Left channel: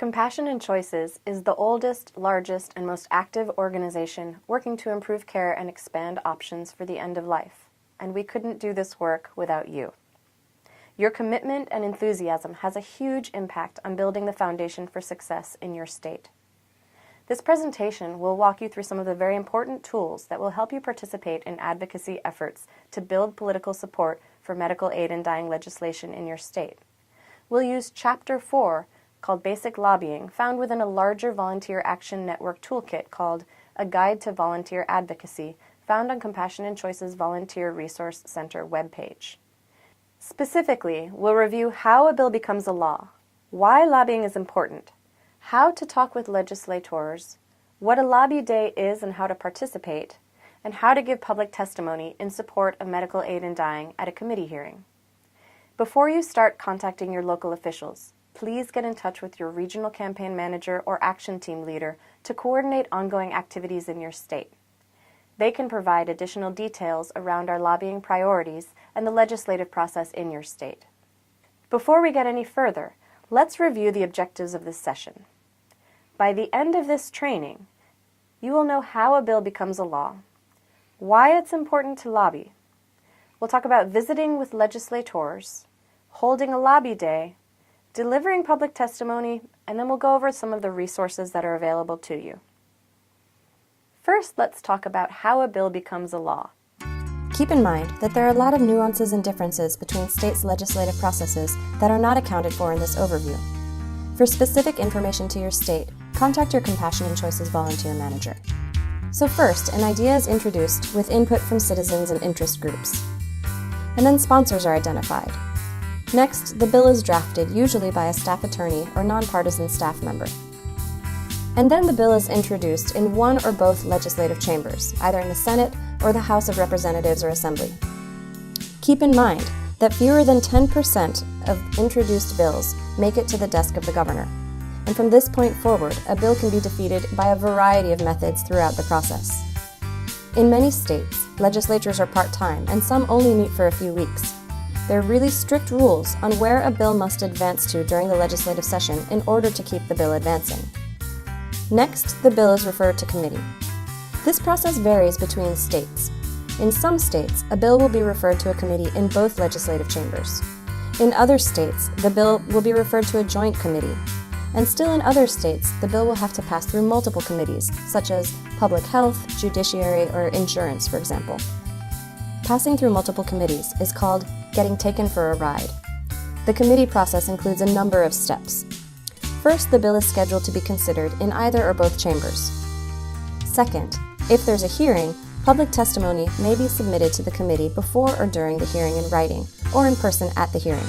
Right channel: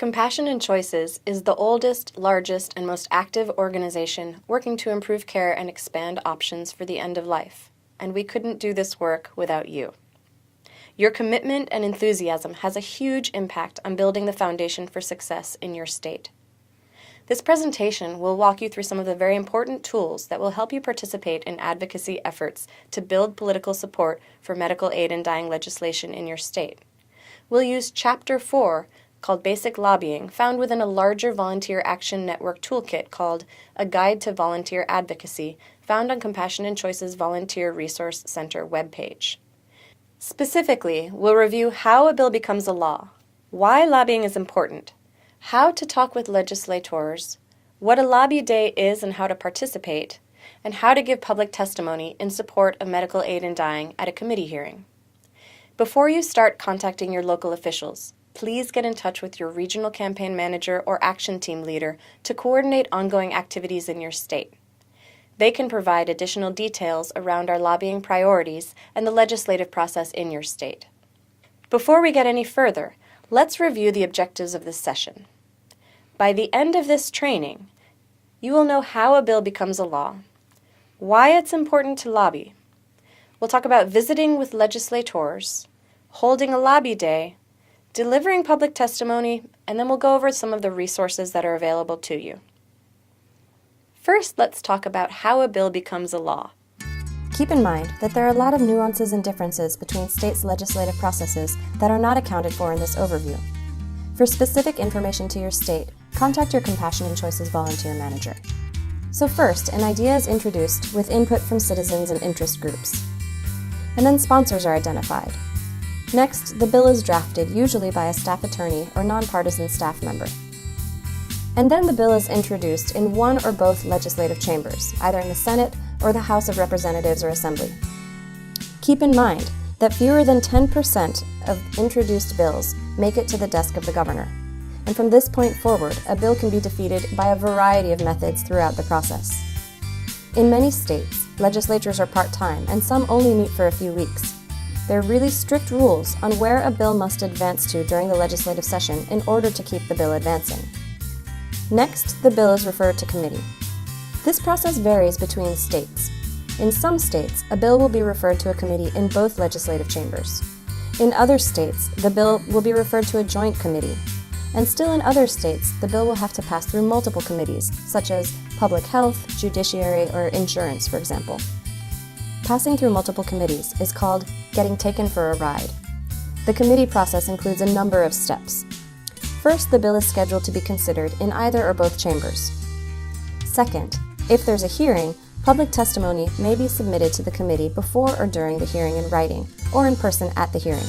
Compassion and Choices is the oldest, largest, and most active organization working to improve care and expand options for the end of life, and we couldn't do this work without you. Your commitment and enthusiasm has a huge impact on building the foundation for success in your state. This presentation will walk you through some of the very important tools that will help you participate in advocacy efforts to build political support for medical aid in dying legislation in your state. We'll use Chapter 4, called Basic Lobbying, found within a larger Volunteer Action Network toolkit called A Guide to Volunteer Advocacy, found on Compassion and Choices Volunteer Resource Center webpage. Specifically, we'll review how a bill becomes a law, why lobbying is important, how to talk with legislators, what a lobby day is and how to participate, and how to give public testimony in support of medical aid in dying at a committee hearing. Before you start contacting your local officials, please get in touch with your regional campaign manager or action team leader to coordinate ongoing activities in your state. They can provide additional details around our lobbying priorities and the legislative process in your state. Before we get any further, let's review the objectives of this session. By the end of this training, you will know how a bill becomes a law, why it's important to lobby. We'll talk about visiting with legislators, holding a lobby day, delivering public testimony, and then we'll go over some of the resources that are available to you. First, let's talk about how a bill becomes a law. Keep in mind that there are a lot of nuances and differences between states' legislative processes that are not accounted for in this overview. For specific information to your state, contact your Compassion and Choices volunteer manager. So first, an idea is introduced with input from citizens and interest groups. And then sponsors are identified. Next, the bill is drafted, usually by a staff attorney or nonpartisan staff member. And then the bill is introduced in one or both legislative chambers, either in the Senate or the House of Representatives or Assembly. Keep in mind that fewer than 10% of introduced bills make it to the desk of the governor. And from this point forward, a bill can be defeated by a variety of methods throughout the process. In many states, legislatures are part-time and some only meet for a few weeks. There are really strict rules on where a bill must advance to during the legislative session in order to keep the bill advancing. Next, the bill is referred to committee. This process varies between states. In some states, a bill will be referred to a committee in both legislative chambers. In other states, the bill will be referred to a joint committee. And still in other states, the bill will have to pass through multiple committees, such as public health, judiciary, or insurance, for example. Passing through multiple committees is called getting taken for a ride. The committee process includes a number of steps. First, the bill is scheduled to be considered in either or both chambers. Second, if there's a hearing, public testimony may be submitted to the committee before or during the hearing in writing, or in person at the hearing.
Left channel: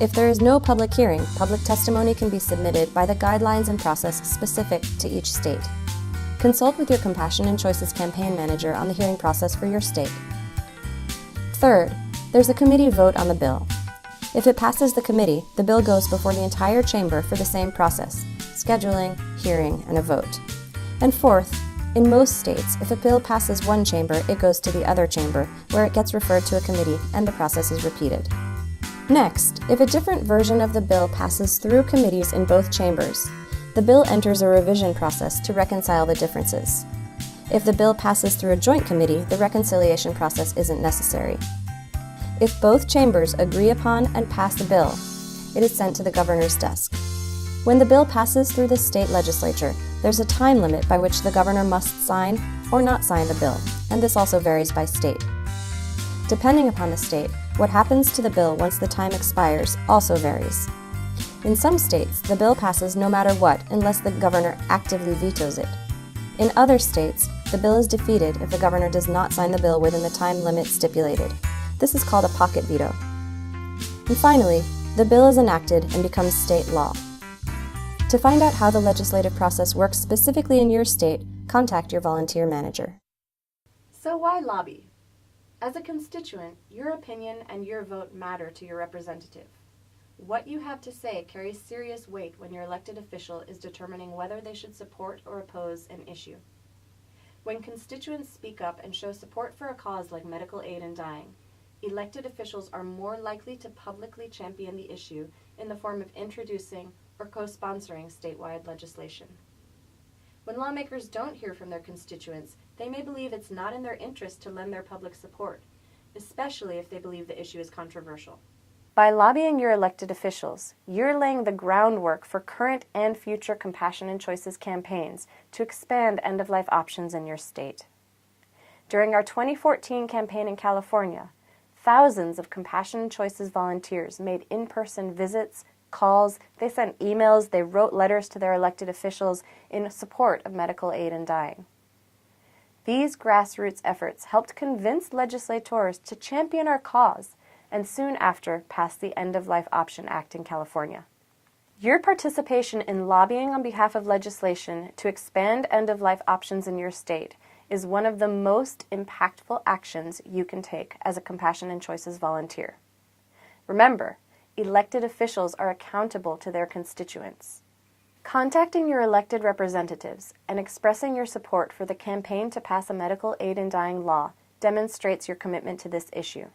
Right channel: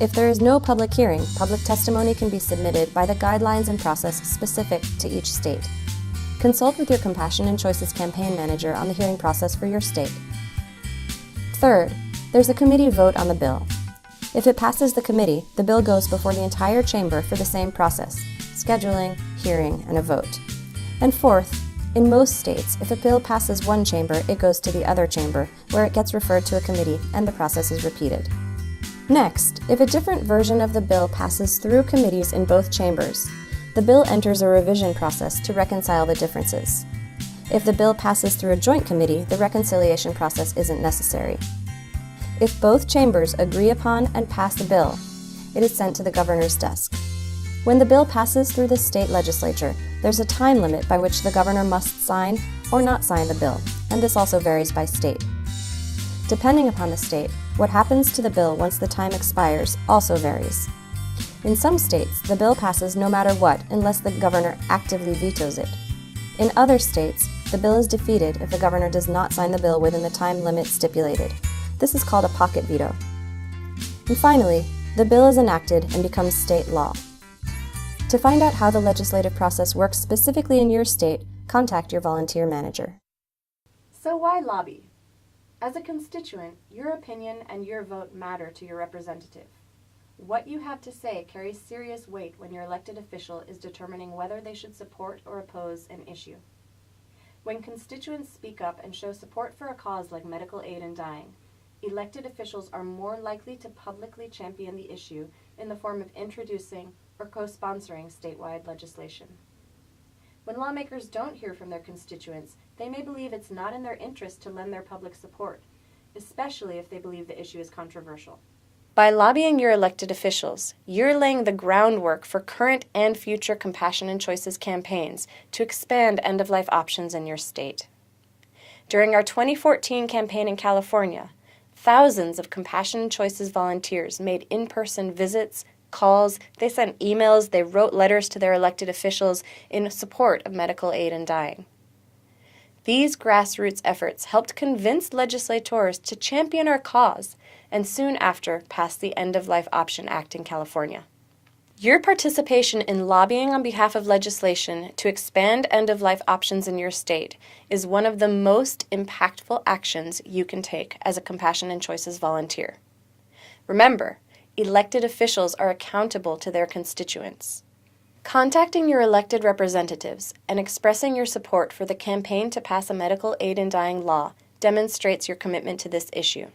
If there is no public hearing, public testimony can be submitted by the guidelines and process specific to each state. Consult with your Compassion and Choices campaign manager on the hearing process for your state. Third, there's a committee vote on the bill. If it passes the committee, the bill goes before the entire chamber for the same process: scheduling, hearing, and a vote. And fourth, in most states, if a bill passes one chamber, it goes to the other chamber, where it gets referred to a committee, and the process is repeated. Next, if a different version of the bill passes through committees in both chambers, the bill enters a revision process to reconcile the differences. If the bill passes through a joint committee, the reconciliation process isn't necessary. If both chambers agree upon and pass the bill, it is sent to the governor's desk. When the bill passes through the state legislature, there's a time limit by which the governor must sign or not sign the bill, and this also varies by state. Depending upon the state, what happens to the bill once the time expires also varies. In some states, the bill passes no matter what unless the governor actively vetoes it. In other states, the bill is defeated if the governor does not sign the bill within the time limit stipulated. This is called a pocket veto. And finally, the bill is enacted and becomes state law. To find out how the legislative process works specifically in your state, contact your volunteer manager. So why lobby? As a constituent, your opinion and your vote matter to your representative. What you have to say carries serious weight when your elected official is determining whether they should support or oppose an issue. When constituents speak up and show support for a cause like medical aid in dying, elected officials are more likely to publicly champion the issue in the form of introducing or co-sponsoring statewide legislation. When lawmakers don't hear from their constituents, they may believe it's not in their interest to lend their public support, especially if they believe the issue is controversial. By lobbying your elected officials, you're laying the groundwork for current and future Compassion and Choices campaigns to expand end-of-life options in your state. During our 2014 campaign in California, thousands of Compassion and Choices volunteers made in-person visits, calls, they sent emails, they wrote letters to their elected officials in support of medical aid in dying. These grassroots efforts helped convince legislators to champion our cause and soon after passed the End-of-Life Option Act in California. Your participation in lobbying on behalf of legislation to expand end-of-life options in your state is one of the most impactful actions you can take as a Compassion and Choices volunteer. Remember, elected officials are accountable to their constituents. Contacting your elected representatives and expressing your support for the campaign to pass a medical aid in dying law demonstrates your commitment to this issue.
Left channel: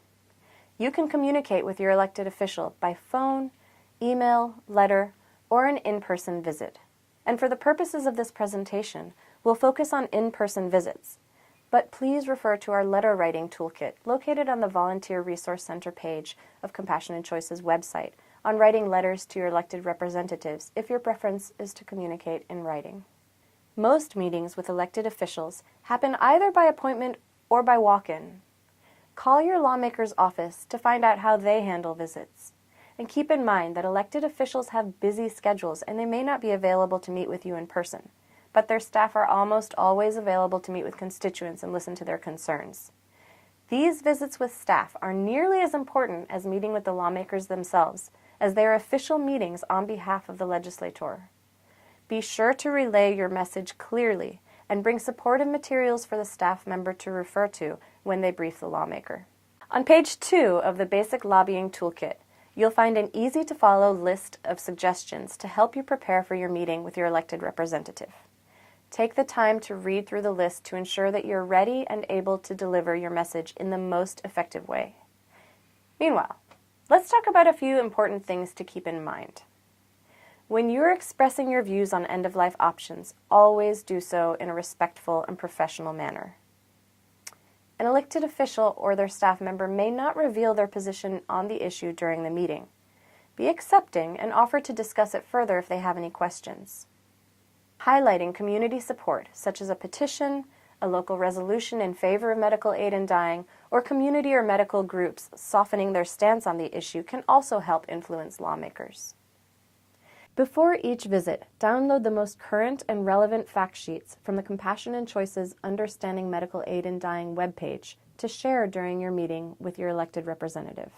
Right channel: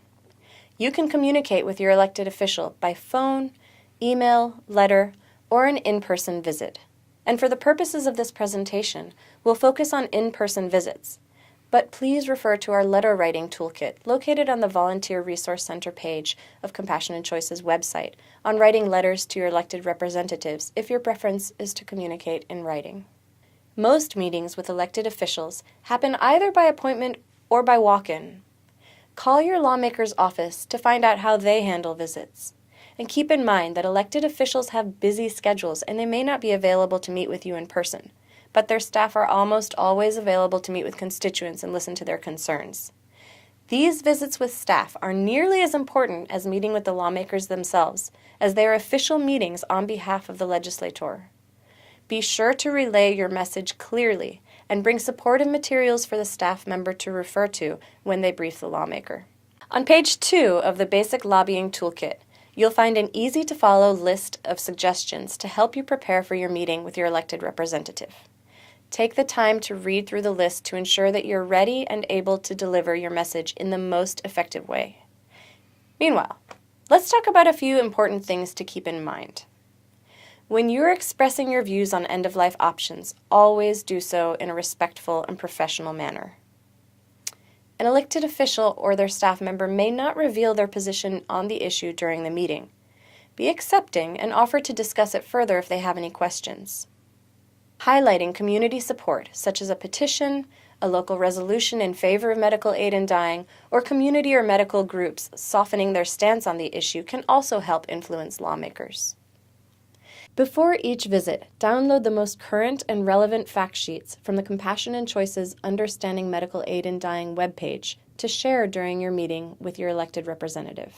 You can communicate with your elected official by phone, email, letter, or an in-person visit. And for the purposes of this presentation, we'll focus on in-person visits. But please refer to our letter writing toolkit located on the Volunteer Resource Center page of Compassion and Choice's website on writing letters to your elected representatives if your preference is to communicate in writing. Most meetings with elected officials happen either by appointment or by walk-in. Call your lawmaker's office to find out how they handle visits. And keep in mind that elected officials have busy schedules and they may not be available to meet with you in person, but their staff are almost always available to meet with constituents and listen to their concerns. These visits with staff are nearly as important as meeting with the lawmakers themselves, as they are official meetings on behalf of the legislator. Be sure to relay your message clearly and bring supportive materials for the staff member to refer to when they brief the lawmaker. On page 2 of the Basic Lobbying Toolkit, you'll find an easy-to-follow list of suggestions to help you prepare for your meeting with your elected representative. Take the time to read through the list to ensure that you're ready and able to deliver your message in the most effective way. Meanwhile, let's talk about a few important things to keep in mind. When you're expressing your views on end-of-life options, always do so in a respectful and professional manner. An elected official or their staff member may not reveal their position on the issue during the meeting. Be accepting and offer to discuss it further if they have any questions. Highlighting community support, such as a petition, a local resolution in favor of medical aid in dying, or community or medical groups softening their stance on the issue can also help influence lawmakers. Before each visit, download the most current and relevant fact sheets from the Compassion and Choices Understanding Medical Aid in Dying webpage to share during your meeting with your elected representative.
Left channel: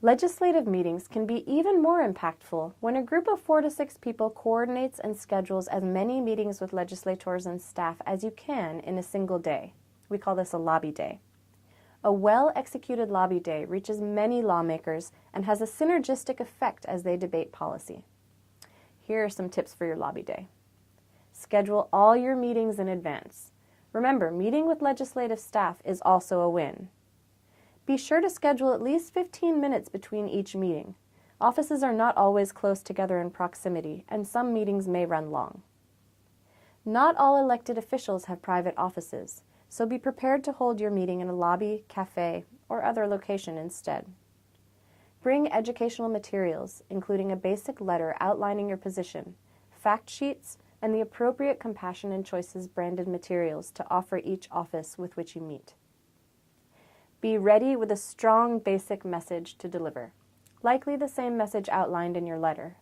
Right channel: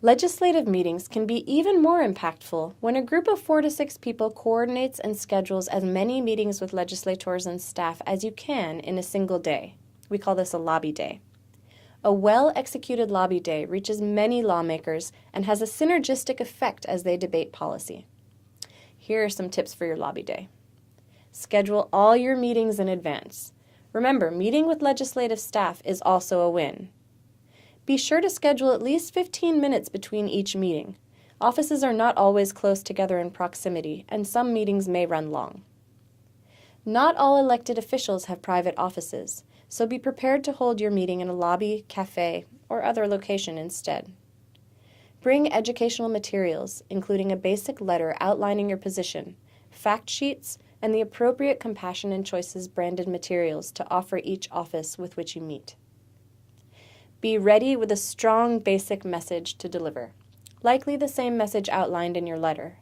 Legislative meetings can be even more impactful when a group of 4 to 6 people coordinates and schedules as many meetings with legislators and staff as you can in a single day. We call this a lobby day. A well-executed lobby day reaches many lawmakers and has a synergistic effect as they debate policy. Here are some tips for your lobby day. Schedule all your meetings in advance. Remember, meeting with legislative staff is also a win. Be sure to schedule at least 15 minutes between each meeting. Offices are not always close together in proximity, and some meetings may run long. Not all elected officials have private offices, so be prepared to hold your meeting in a lobby, cafe, or other location instead. Bring educational materials, including a basic letter outlining your position, fact sheets, and the appropriate Compassion and Choices branded materials to offer each office with which you meet. Be ready with a strong basic message to deliver, likely the same message outlined in your letter.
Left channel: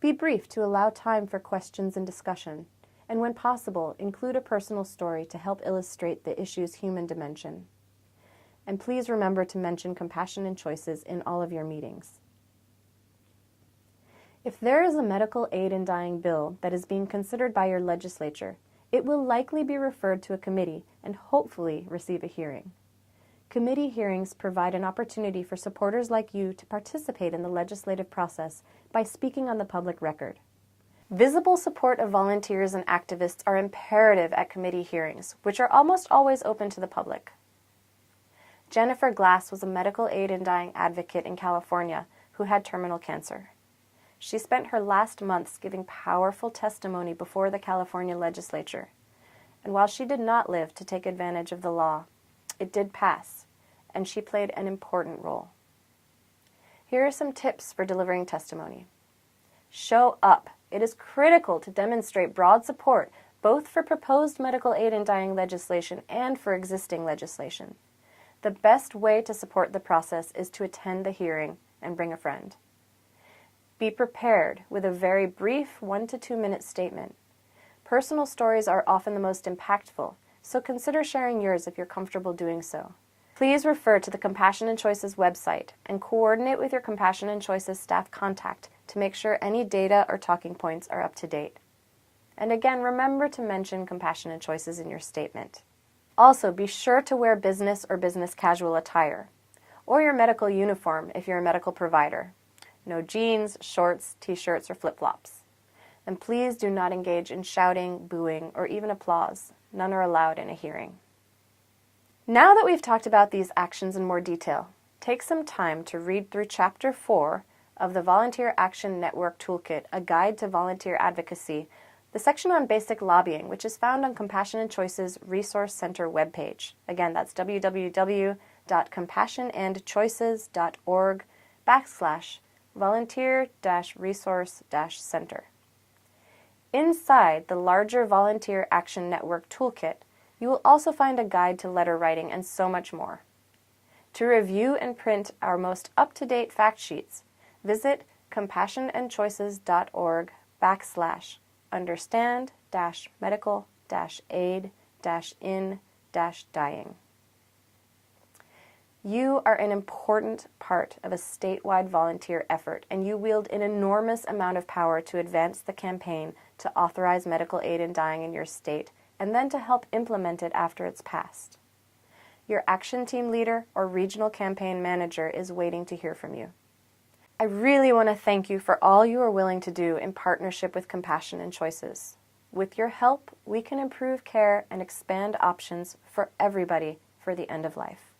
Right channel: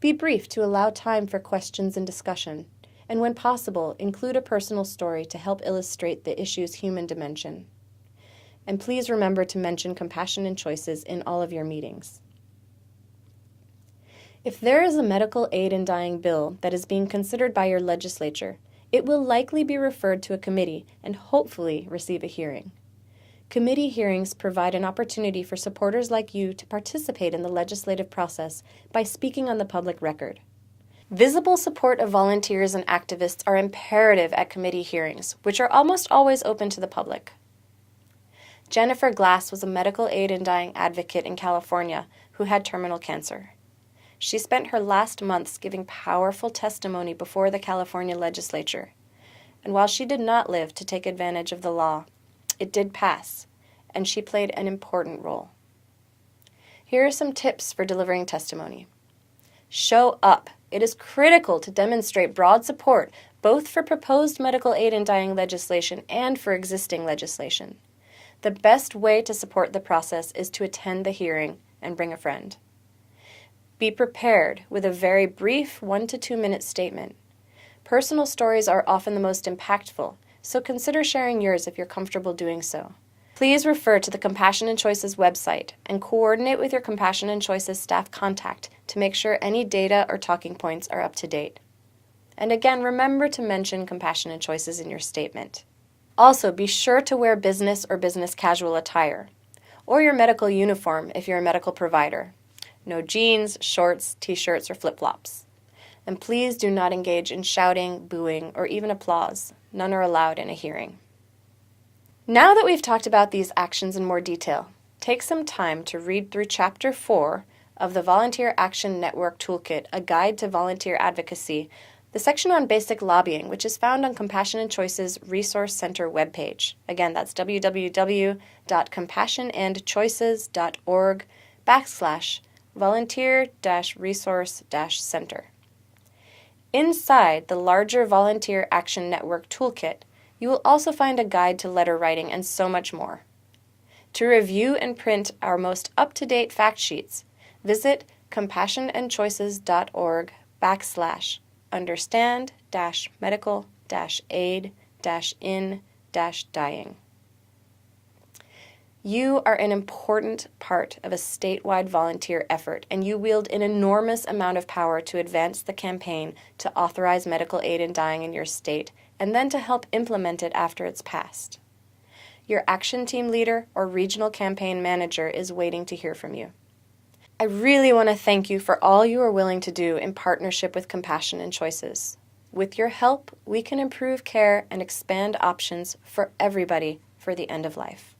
Be brief to allow time for questions and discussion, and when possible, include a personal story to help illustrate the issue's human dimension. And please remember to mention Compassion and Choices in all of your meetings. If there is a medical aid in dying bill that is being considered by your legislature, it will likely be referred to a committee and hopefully receive a hearing. Committee hearings provide an opportunity for supporters like you to participate in the legislative process by speaking on the public record. Visible support of volunteers and activists are imperative at committee hearings, which are almost always open to the public. Jennifer Glass was a medical aid in dying advocate in California who had terminal cancer. She spent her last months giving powerful testimony before the California legislature. And while she did not live to take advantage of the law, it did pass, and she played an important role. Here are some tips for delivering testimony. Show up. It is critical to demonstrate broad support both for proposed medical aid in dying legislation and for existing legislation. The best way to support the process is to attend the hearing and bring a friend. Be prepared with a very brief 1 to 2 minute statement. Personal stories are often the most impactful, so consider sharing yours if you're comfortable doing so. Please refer to the Compassion and Choices website and coordinate with your Compassion and Choices staff contact to make sure any data or talking points are up to date. And again, remember to mention Compassion and Choices in your statement. Also, be sure to wear business or business casual attire, or your medical uniform if you're a medical provider. No jeans, shorts, t-shirts, or flip-flops. And please do not engage in shouting, booing, or even applause. None are allowed in a hearing. Now that we've talked about these actions in more detail, take some time to read through Chapter 4 of the Volunteer Action Network Toolkit, A Guide to Volunteer Advocacy, the section on basic lobbying, which is found on Compassion and Choices Resource Center webpage. Again, that's www.compassionandchoices.org/volunteer-resource-center. Inside the larger Volunteer Action Network Toolkit, you will also find a guide to letter writing and so much more. To review and print our most up-to-date fact sheets, visit compassion-and-choices.org/understand-medical-aid-in-dying. You are an important part of a statewide volunteer effort, and you wield an enormous amount of power to advance the campaign to authorize medical aid in dying in your state, and then to help implement it after it's passed. Your action team leader or regional campaign manager is waiting to hear from you. I really want to thank you for all you are willing to do in partnership with Compassion and Choices. With your help, we can improve care and expand options for everybody for the end of life.